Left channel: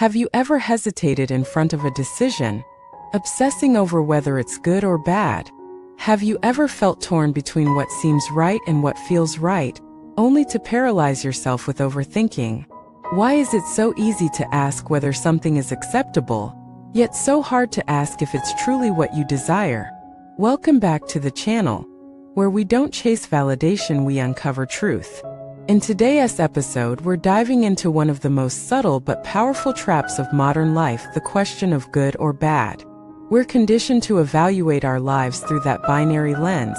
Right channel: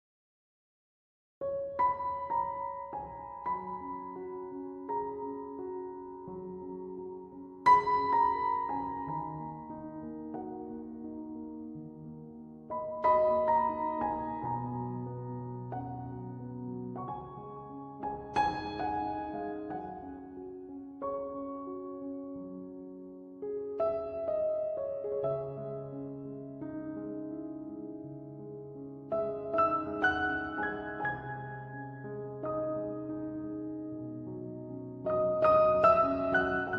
Have you ever hesitated in front of a decision, obsessing over whether it's good or bad? Have you ever felt torn between what seems right and what feels right, only to paralyze yourself with overthinking? Why is it so easy to ask whether something is acceptable, yet so hard to ask if it's truly what you desire? Welcome back to the channel, where we don't chase validation, we uncover truth. In today's episode, we're diving into one of the most subtle but powerful traps of modern life, the question of good or bad. We're conditioned to evaluate our lives through that binary lens,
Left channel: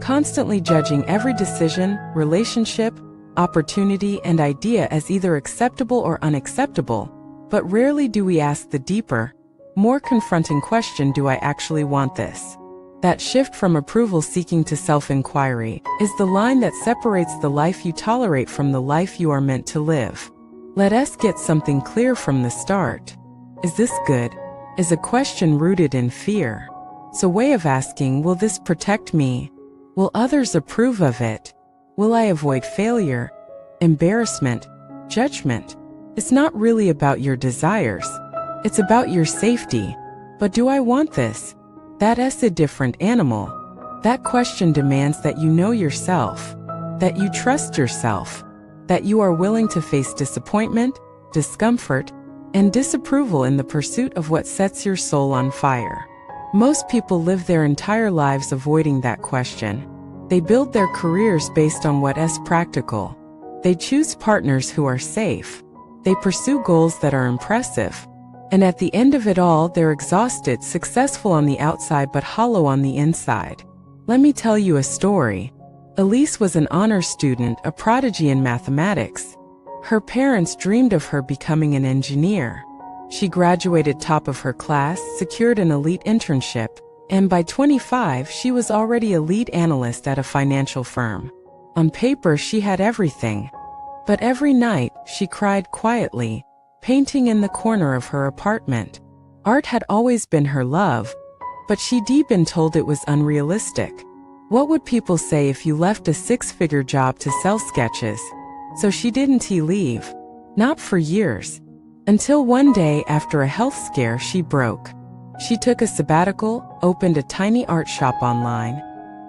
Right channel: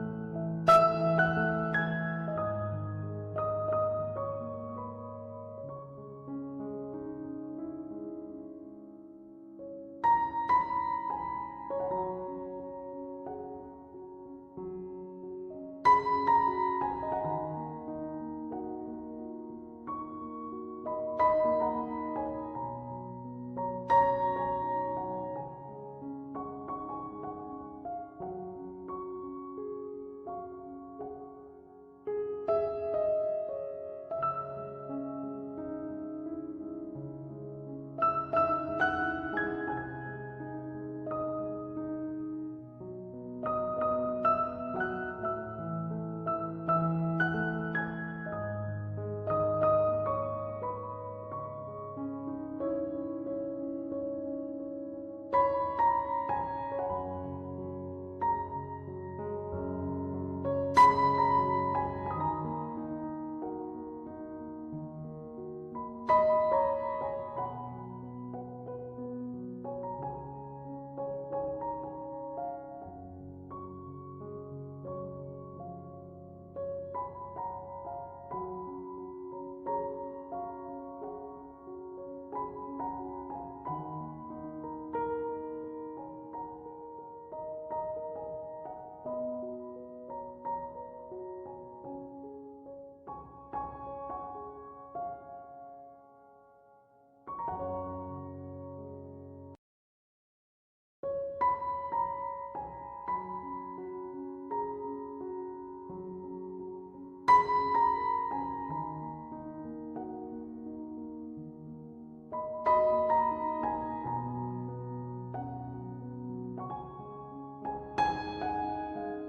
constantly judging every decision, relationship, opportunity, and idea as either acceptable or unacceptable, but rarely do we ask the deeper, more confronting question: do I actually want this? That shift from approval-seeking to self-inquiry is the line that separates the life you tolerate from the life you are meant to live. Let us get something clear from the start. Is this good? Is a question rooted in fear. It's a way of asking, will this protect me? Will others approve of it? Will I avoid failure, embarrassment, judgment? It's not really about your desires. It's about your safety. But do I want this? That's a different animal. That question demands that you know yourself, that you trust yourself, that you are willing to face disappointment, discomfort, and disapproval in the pursuit of what sets your soul on fire. Most people live their entire lives avoiding that question. They build their careers based on what is practical. They choose partners who are safe. They pursue goals that are impressive. And at the end of it all, they're exhausted, successful on the outside but hollow on the inside. Let me tell you a story. Elise was an honors student, a prodigy in mathematics. Her parents dreamed of her becoming an engineer. She graduated top of her class, secured an elite internship, and by 25, she was already a lead analyst at a financial firm. On paper, she had everything. But every night, she cried quietly, painting in the corner of her apartment. Art had always been her love, but she'd been told it was unrealistic. What would people say if you left a six-figure job to sell sketches? So she didn't leave. Not for years. Until one day, after a health scare, she broke. She took a sabbatical, opened a tiny art shop online,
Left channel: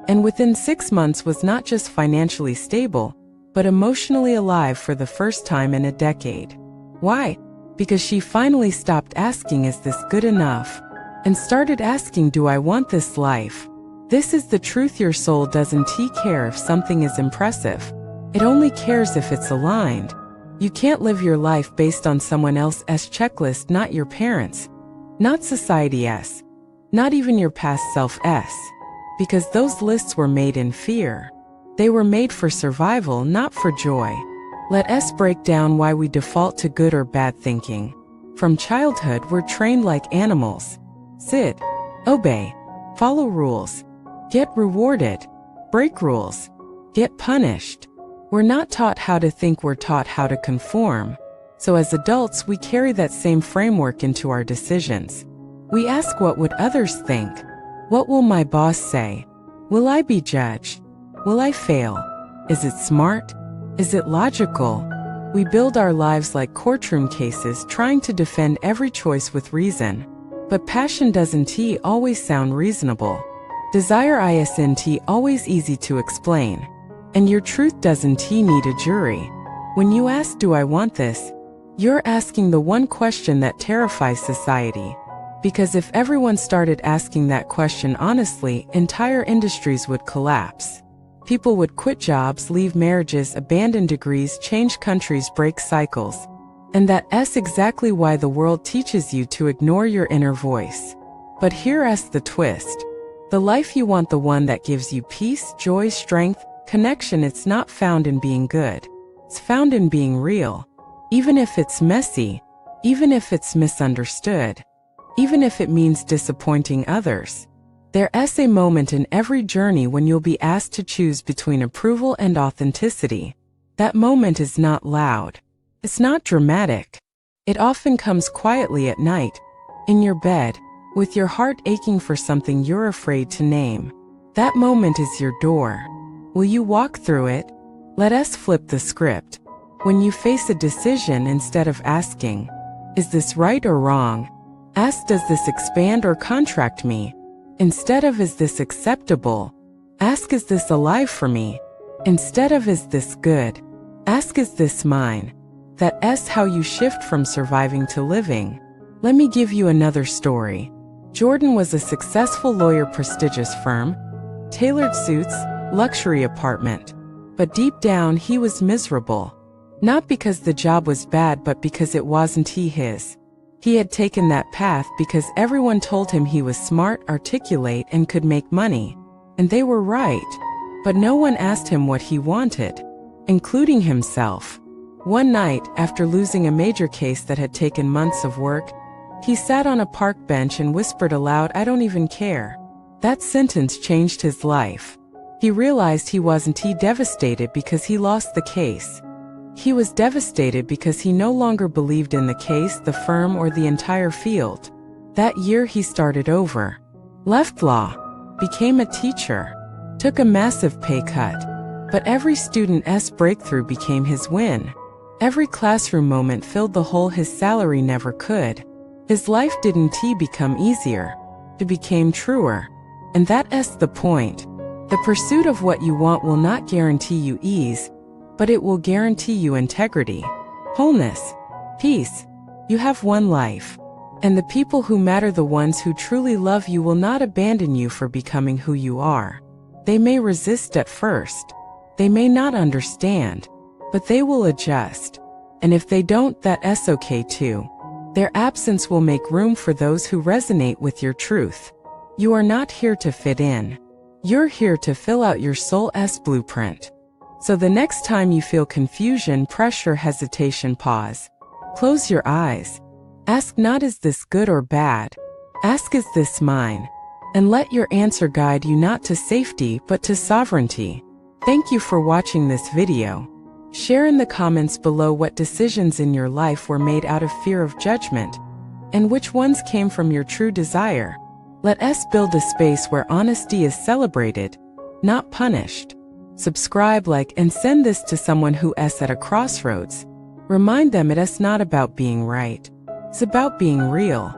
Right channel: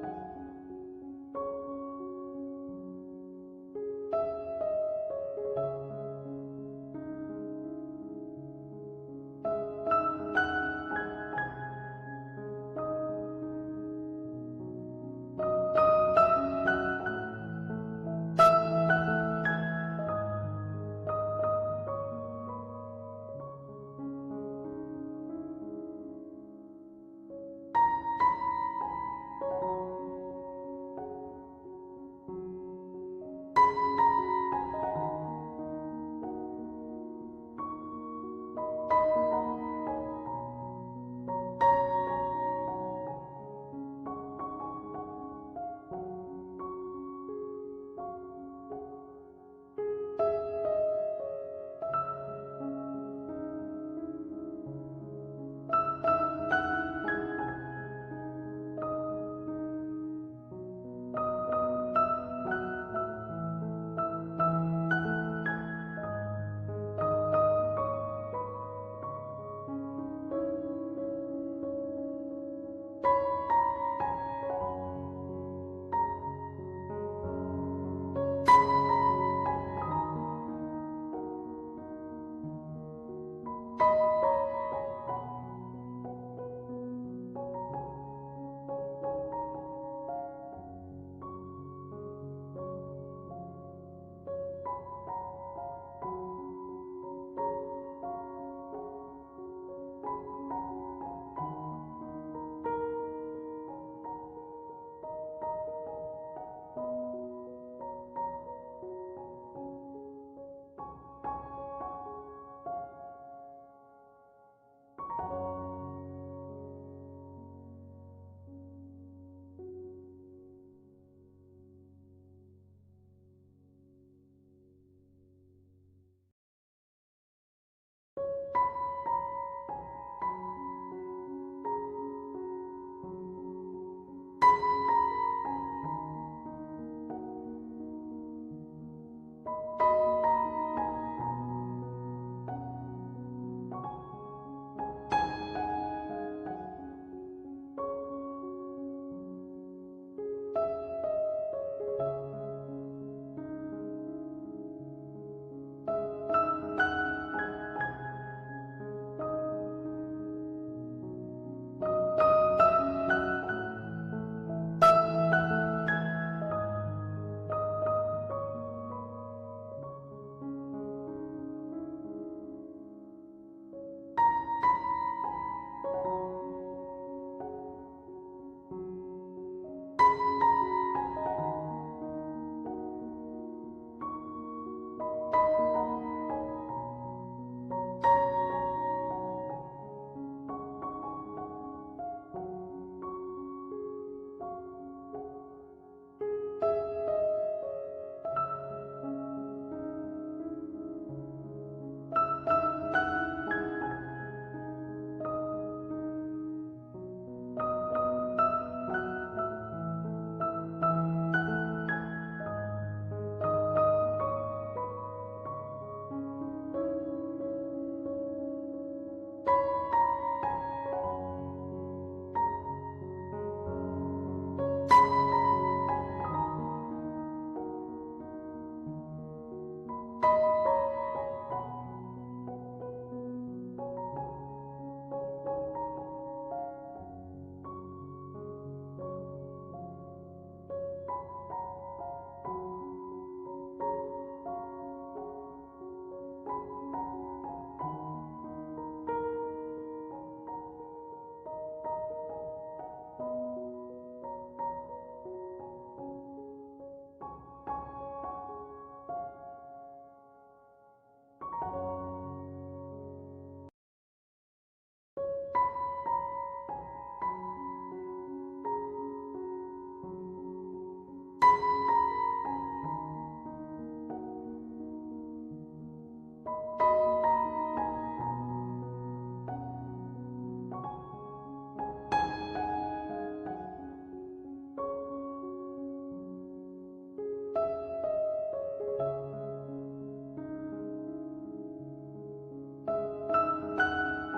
and within 6 months was not just financially stable, but emotionally alive for the first time in a decade. Why? Because she finally stopped asking, is this good enough? And started asking, do I want this life? This is the truth. Your soul doesn't care if something is impressive. It only cares if it's aligned. You can't live your life based on someone else's checklist, not your parents', not society's, not even your past self's, because those lists were made in fear. They were made for survival, not for joy. Let us break down why we default to good or bad thinking. From childhood, we're trained like animals. Sit, obey, follow rules, get rewarded, break rules, get punished. We're not taught how to think, we're taught how to conform. So as adults, we carry that same framework into our decisions. We ask, what would others think? What will my boss say? Will I be judged? Will I fail? Is it smart? Is it logical? We build our lives like courtroom cases, trying to defend every choice with reason. But passion doesn't always sound reasonable. Desire isn't always easy to explain. And your truth doesn't need a jury. When you ask, do I want this? You're asking the one question that terrifies society. Because if everyone started asking that question honestly, entire industries would collapse. People would quit jobs, leave marriages, abandon degrees, change countries, break cycles. And that's exactly why the world teaches you to ignore your inner voice. But here's the twist. The life you want, the one that gives you peace, joy, strength, connection, it's not found in being good. It's found in being real. Even if it's messy, even if it's misunderstood, even if it means disappointing others. There's a moment in every journey when you'll be asked to choose between approval and authenticity. That moment is not loud. It's not dramatic. It often comes quietly at night, in your bed, with your heart aching for something you're afraid to name. That moment is your door. Will you walk through it? Let us flip the script. When you face a decision, instead of asking, Is this right or wrong? Ask, does this expand or contract me? Instead of, is this acceptable? Ask, is this alive for me? Instead of, is this good? Ask, is this mine? That's how you shift from surviving to living. Let me give you another story. Jordan was a successful lawyer, prestigious firm, tailored suits, luxury apartment. But deep down, he was miserable. Not because the job was bad, but because it wasn't his. He had taken that path because everyone told him he was smart, articulate, and could make money. And they were right. But no one asked him what he wanted, including himself. One night, after losing a major case that had taken months of work, he sat on a park bench and whispered aloud, "I don't even care." That sentence changed his life. He realized he wasn't devastated because he lost the case. He was devastated because he no longer believed in the case, the firm, or the entire field. That year he started over. Left law. Became a teacher. Took a massive pay cut. But every student's breakthrough became his win. Every classroom moment filled the hole his salary never could. His life didn't become easier. It became truer. And that's the point. The pursuit of what you want will not guarantee you ease, but it will guarantee you integrity, wholeness, peace. You have one life. And the people who matter, the ones who truly love you, will not abandon you for becoming who you are. They may resist at first. They may not understand, but they will adjust. And if they don't, that's okay too. Their absence will make room for those who resonate with your truth. You are not here to fit in. You're here to fill out your soul's blueprint. So the next time you feel confusion, pressure, hesitation, pause. Close your eyes. Ask not, is this good or bad? Ask, is this mine? And let your answer guide you not to safety, but to sovereignty. Thank you for watching this video. Share in the comments below what decisions in your life were made out of fear of judgment, and which ones came from your true desire. Let us build a space where honesty is celebrated, not punished. Subscribe, like, and send this to someone who is at a crossroads. Remind them it is not about being right. It's about being real.